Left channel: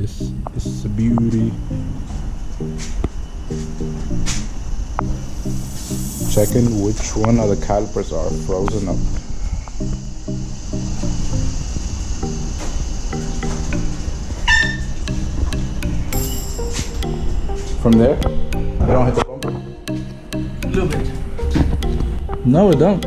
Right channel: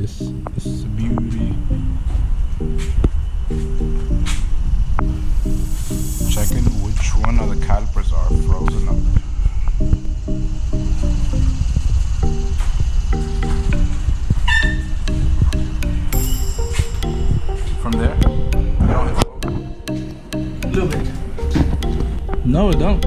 This is a beauty. Checking which one of the calipers are frozen up. From there, they don't hit the bumper. A little bit. No, it don't.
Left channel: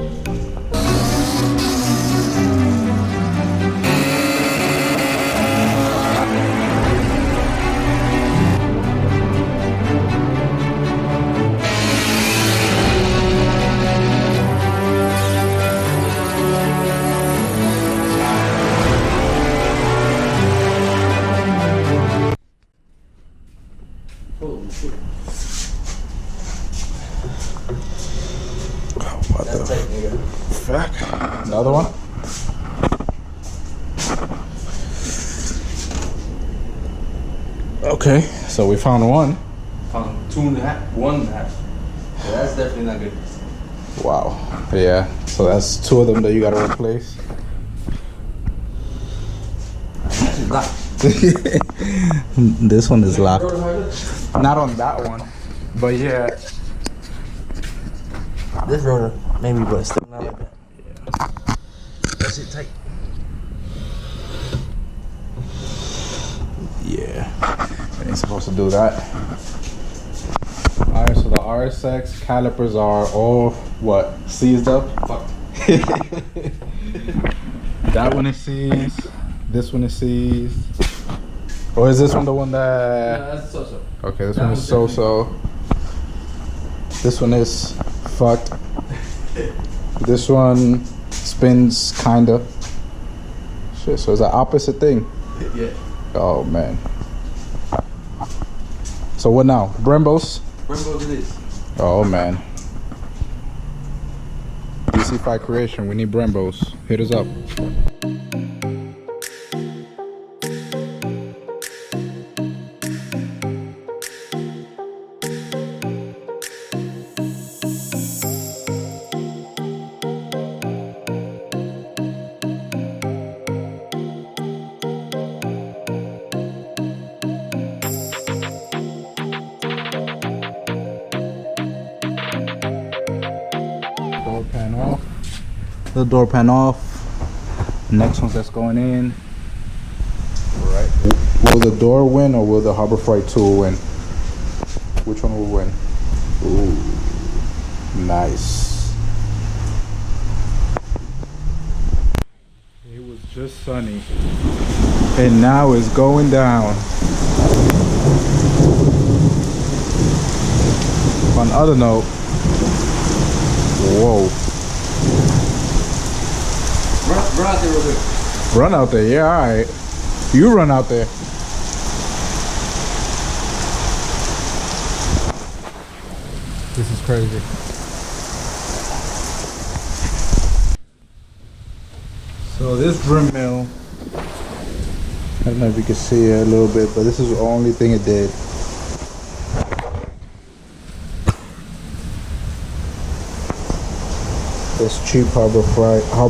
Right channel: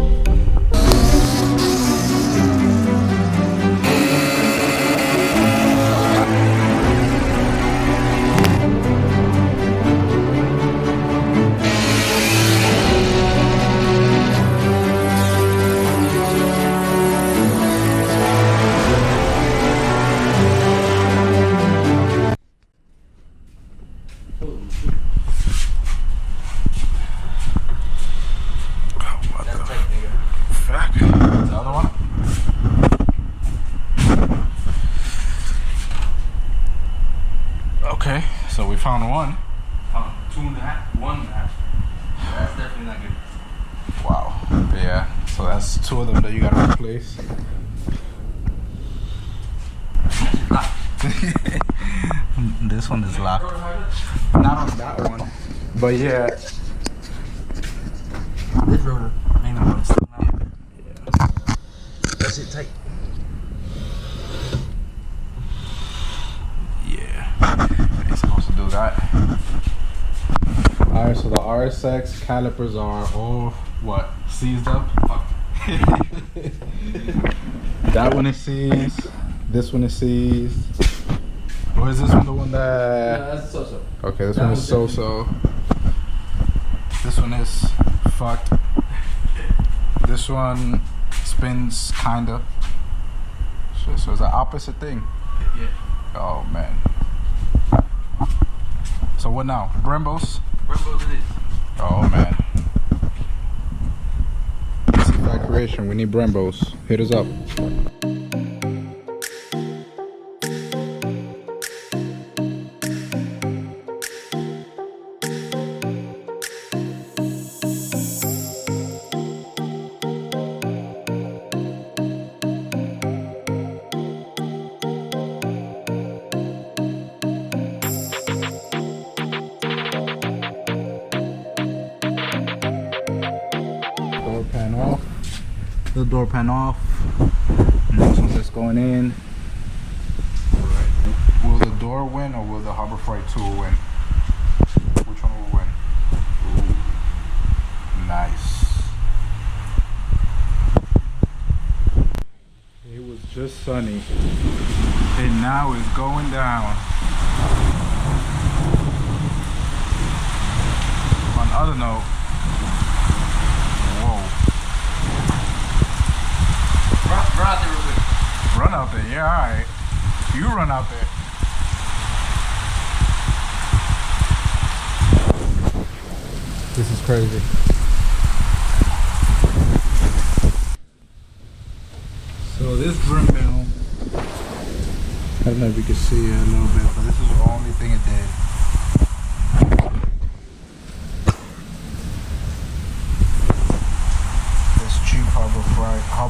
What the fuck? The other one? Okay, so we found one. Found 2.5, 1.5. So that's definitely not good. Wow. Yeah, so that's 2 of them that you gotta replace. That's locked. This one is locked. Not on that one, but yeah. This rotor maybe, but still not like that. Yeah. That's it tight. Yeah, we ain't supposed to do that. Alright, so the RSX calipers are all, what, seized up? Fuck. That one is seized. This one is seized. Or is this one the one that... No, that's so-so. Okay, this one is so-so. This one is fucked. This one spins, kinda. Shit, so it's the opposite thing. Yeah. Oh, man. So what now? Brembos? Brembos it is. Oh, man. DC5 Creation, we need Brembos. Hit us up. Door pan off. The door pan off. Next one that's going in. Right. Will the door win or will the Harbor Freight tool win? Which one will win? Ooh, nice. It was just sunny, and now it's going down. On other note, whoa. Run out there real quick. Run out there, yeah, alright. You run out there. This is crazy. So this brim mill, I don't know if you can see it a little bit, but this is the only thing it did. This cheap Harbor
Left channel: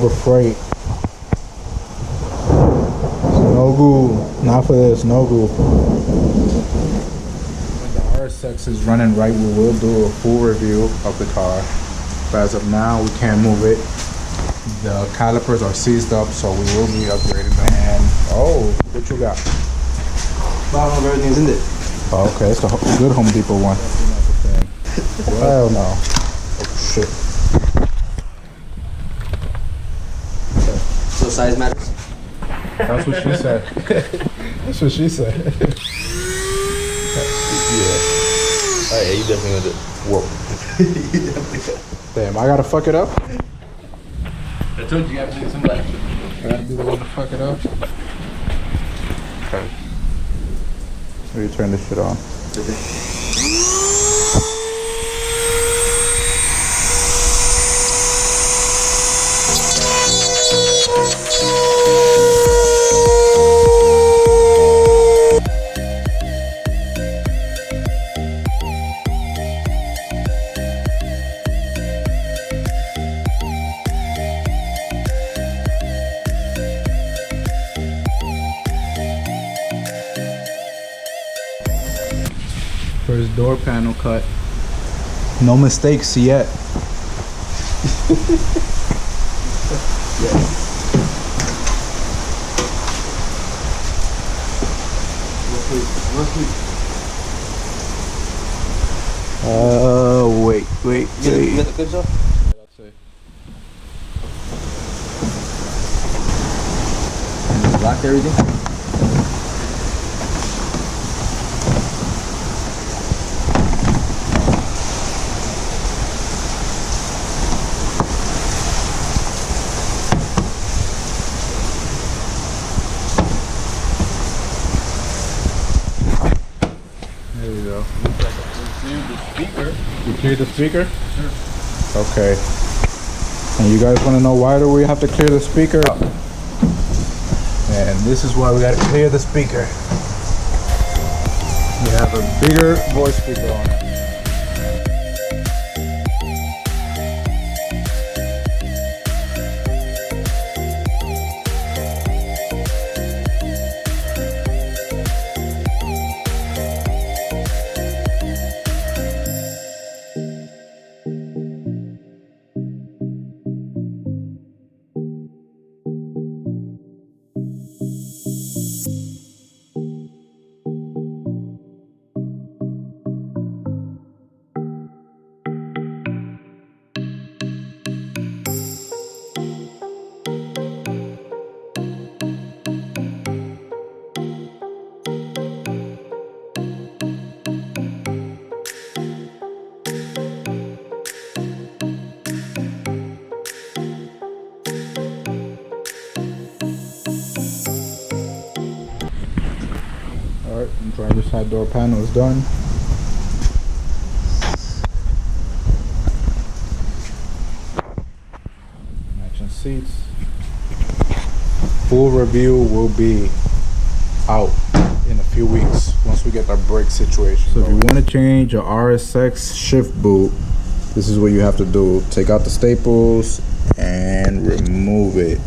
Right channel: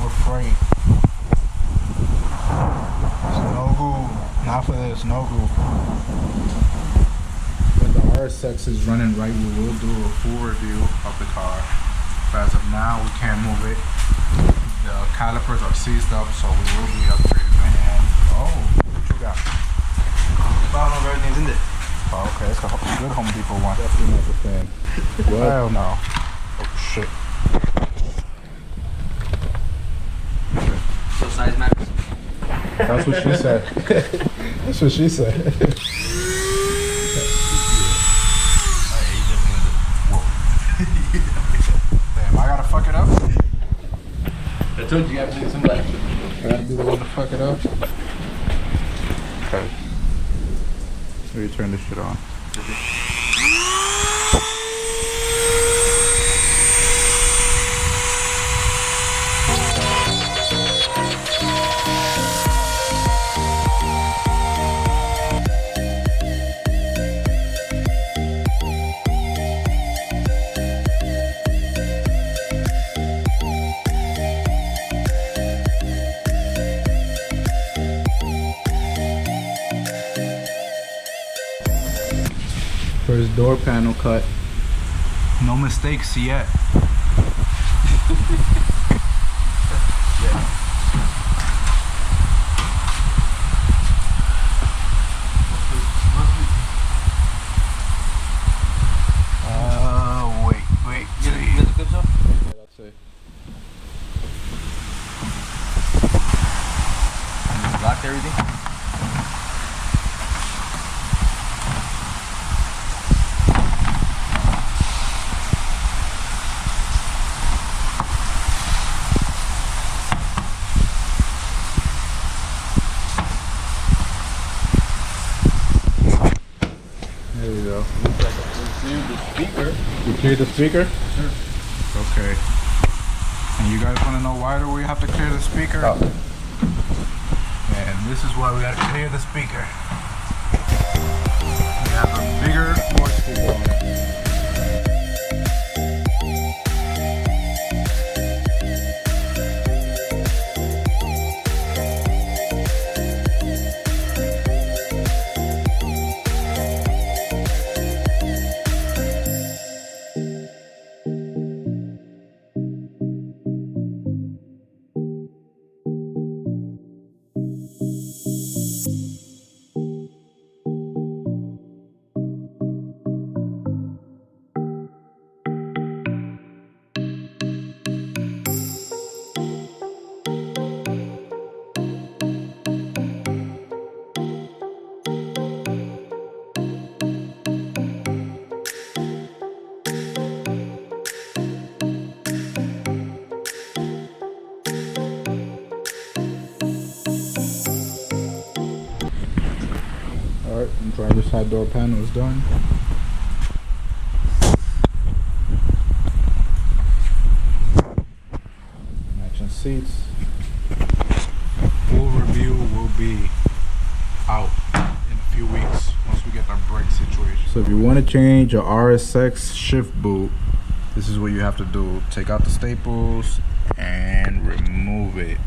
Freight. No goo, not for this, no goo. When the RSX is running right, we will do a full review of the car. But as of now, we can't move it. The calipers are seized up, so we will be upgrading them. And oh, what you got? Bottom of everything's in there. Oh, okay, it's a good Home Depot one. Definitely not the thing. Well, hell no. Oh shit. Okay. So size matters? That's what she said. That's what she said. Yeah. Oh yeah, you definitely gonna do it. Whoa. You definitely got it. Damn, I gotta fuck it up? I told you have to do some black shit. I gotta be the one to fuck it up? Okay. Let me turn this shit on. First door panel cut. No mistakes yet. Wait. You got the clips off? Yeah, that's it. And you locked everything? There we go. The speaker. You cleared the speaker? Sure. Okay. And you guys want to know why do we have to clear the speaker? And this is why we got to clear the speaker. We have a bigger voice speaker on it. Alright, driver side door panel is done. Matching seats. Full review will be out in a few weeks once we get our brake situation. So if you want to change a RSX shift boot, this is what you have to do. Take out the staples and remove it.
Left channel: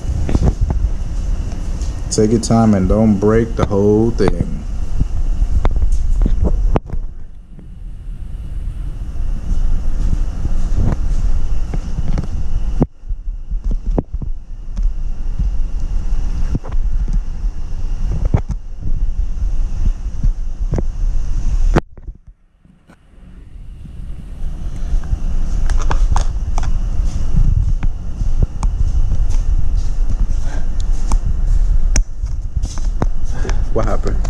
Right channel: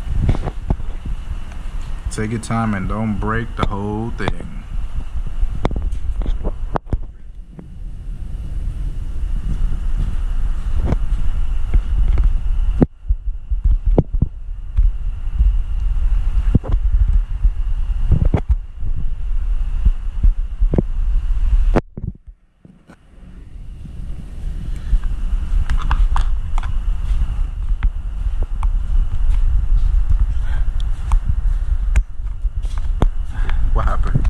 Take your time and don't break the whole thing. What happened?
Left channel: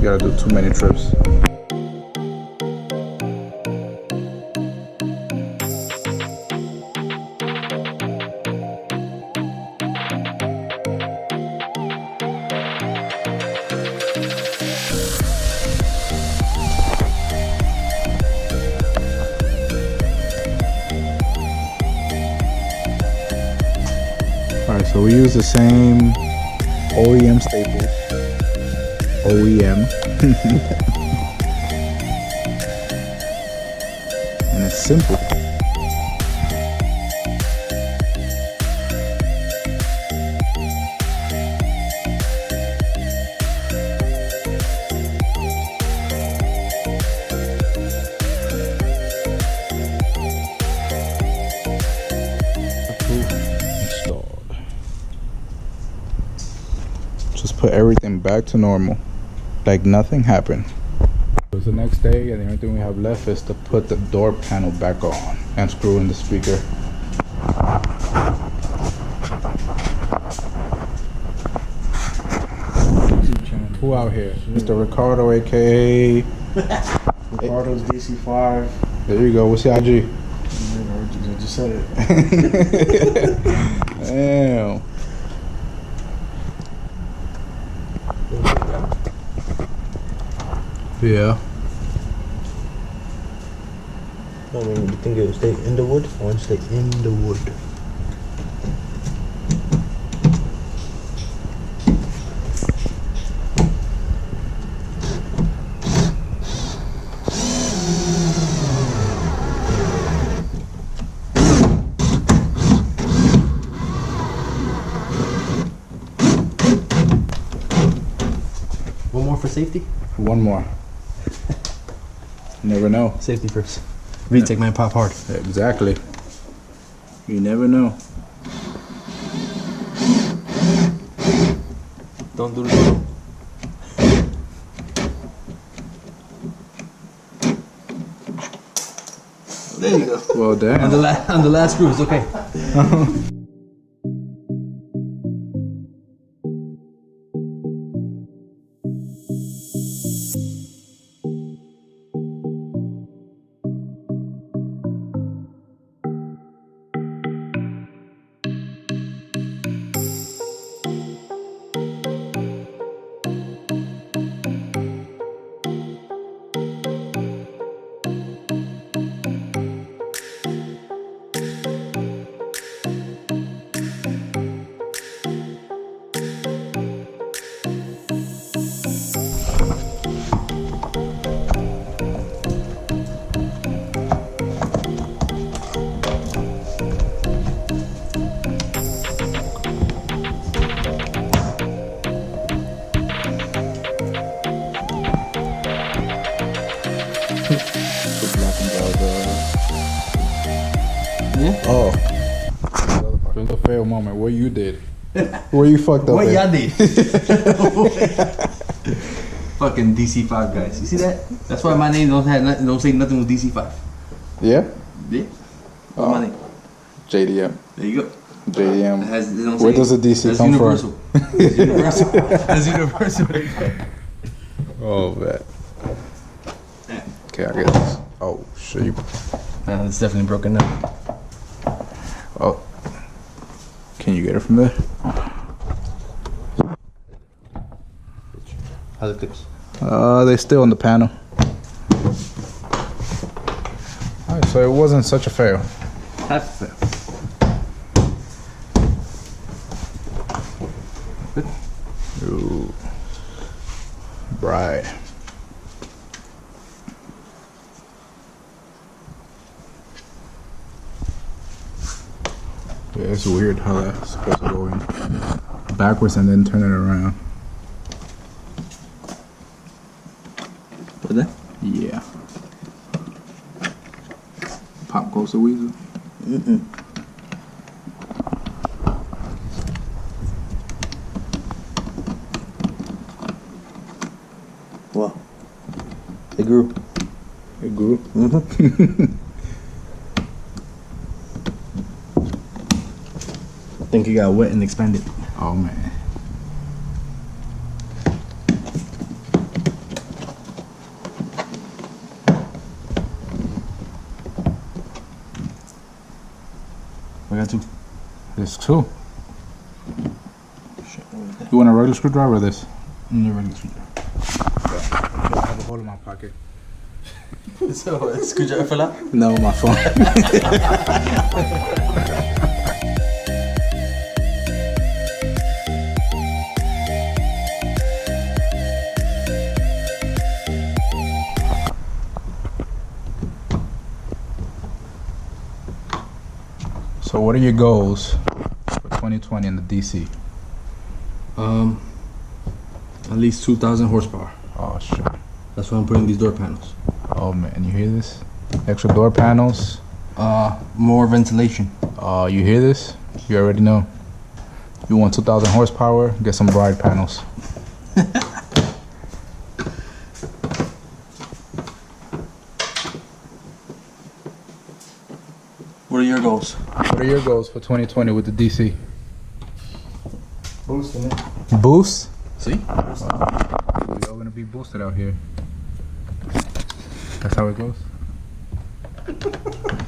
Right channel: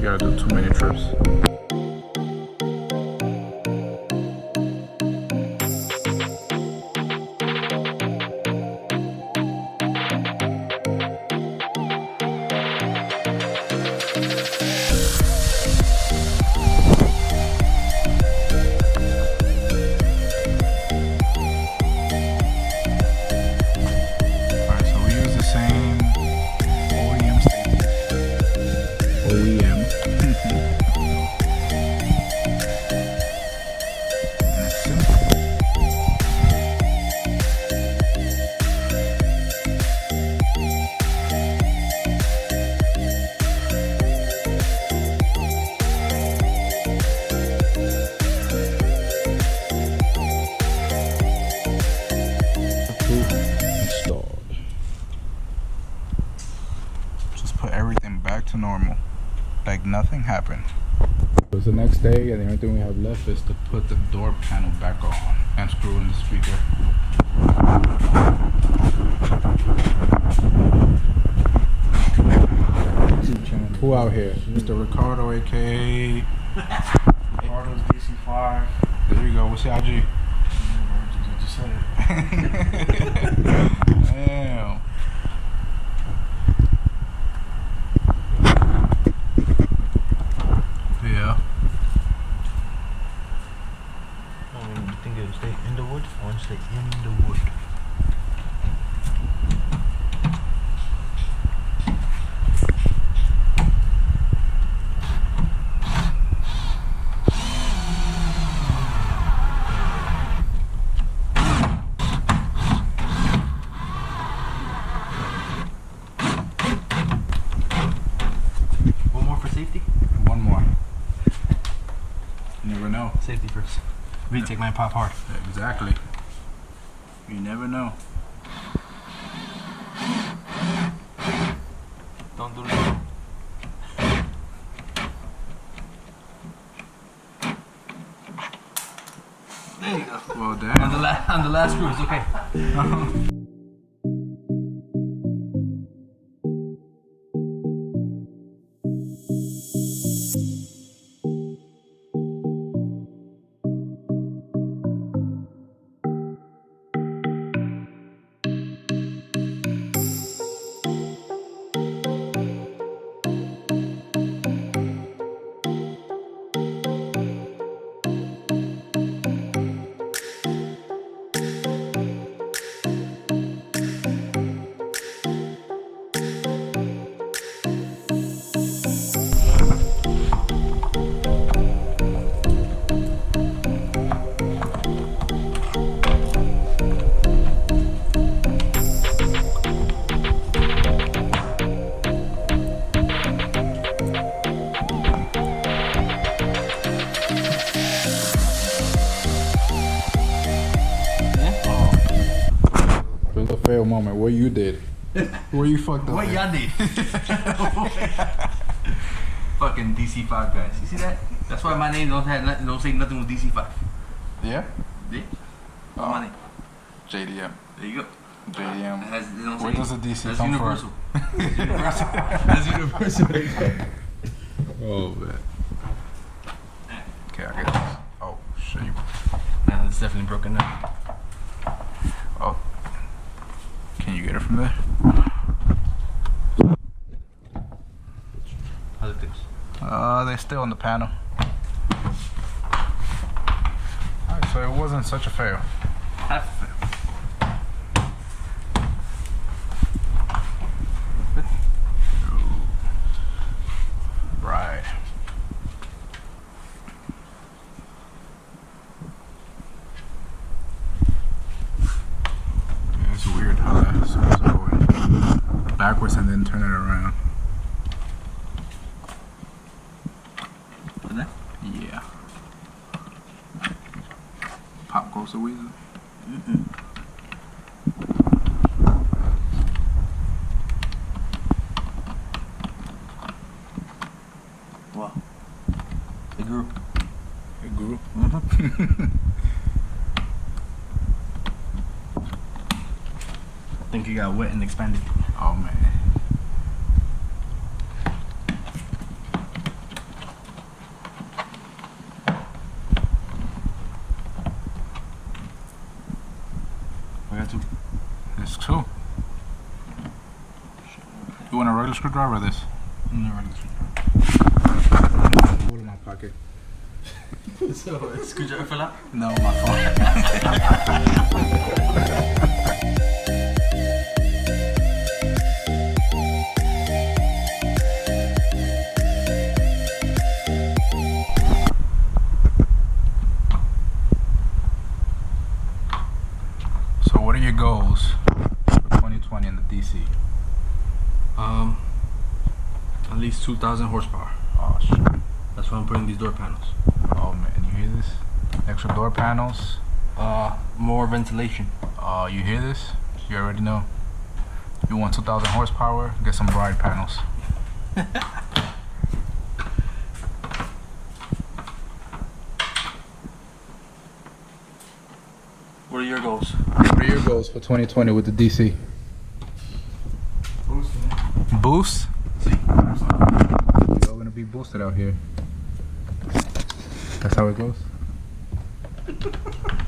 You gotta do too many trips. So we use the same OEM staples. OEM. And it's simple. Installed. Just put everything back to normal, like nothing happened. It was the next day, and the only thing we have left is to put the door panel back on and screw in the speaker. Who out here? Mr. Ricardo, aka Ricardo's DC5. There you go. What's your IG? I just said it. Damn. Yeah. I mean, you think it would stay in the wood? I want to stay in the wood. safety? One more. You never know. Safety first. VTEC might pop hard. Exactly. You never know. Don't do this. There you go. Well, damn. On the last screw, it's okay. Oh. There's a fail moment. What you did. Where you fucked up. What at. y'all did? Fucking DC5 guys. You see that? That's why my name don't say nothing with DC5. Yeah? Yeah. What's my name? JDM. There you go. JDM. It don't Where say- does the DC that's come universal. from? That's universal. That's universal. Oh, man. Okay, I get this. Oh, shit. You... Nah, it's definitely broken now. Oh. Can you get it from there? How's it clips? They're still on the panel. Alright, so it wasn't such a fail. Half a fail. Good. Ooh. Right. Yeah, it's weird how that's supposed to go in backwards and then turn it around. Put that? Yeah. Pop goes the weasel. Wow. It grew. It grew. I think it got wet and expanded. Oh man. I got two. There's two. You want a regular screwdriver or this? Regular screwdriver. I have a hole in my pocket. So, screwdriver fell out? No, my phone. So what are your goals for 2020 in the DC? At least 2,000 horsepower. Oh shit. That's why I'm putting these door panels. Oh man, you hear this? Extra door panels. More ventilation. You hear this? You already know. You want 2,000 horsepower? Get some bride panels. What are your goals? What are your goals for 2020 with the DC? Boosting it. Boost? See? We all gonna be boosted out here. That's how it goes.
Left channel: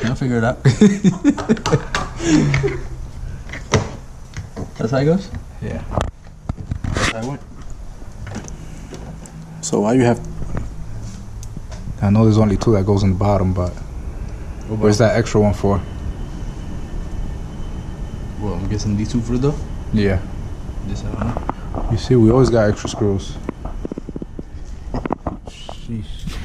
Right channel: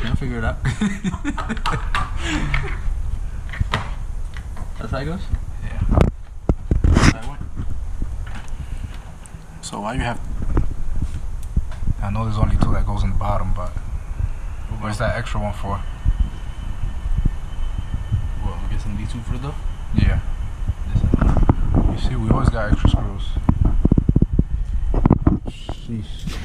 I'll figure it out. That's how it goes? Yeah. That's how it went. So why you have? I know there's only two that goes in the bottom, but where's that extra one for? Well, I'm guessing these two for the door? Yeah. This I don't know. You see, we always got extra screws. Sheesh.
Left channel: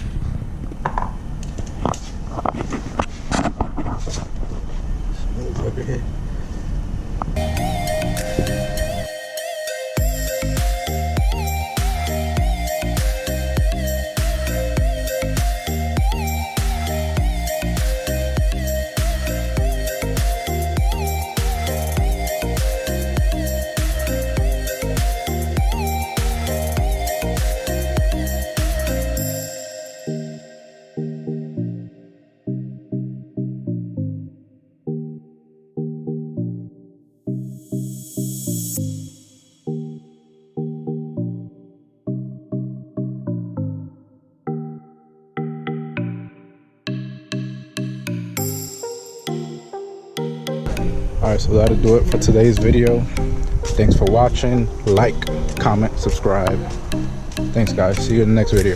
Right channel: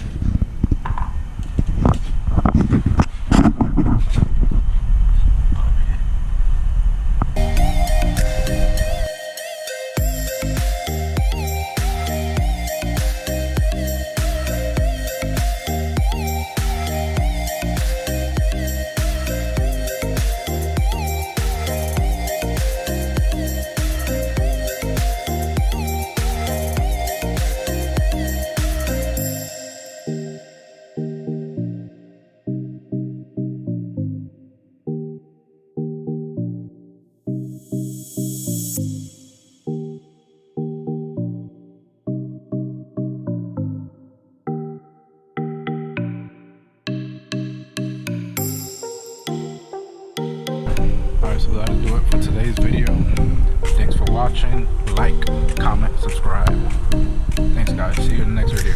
Alright, so that'll do it for today's video. Thanks for watching. Like, comment, subscribe. Thanks guys. See you in the next video.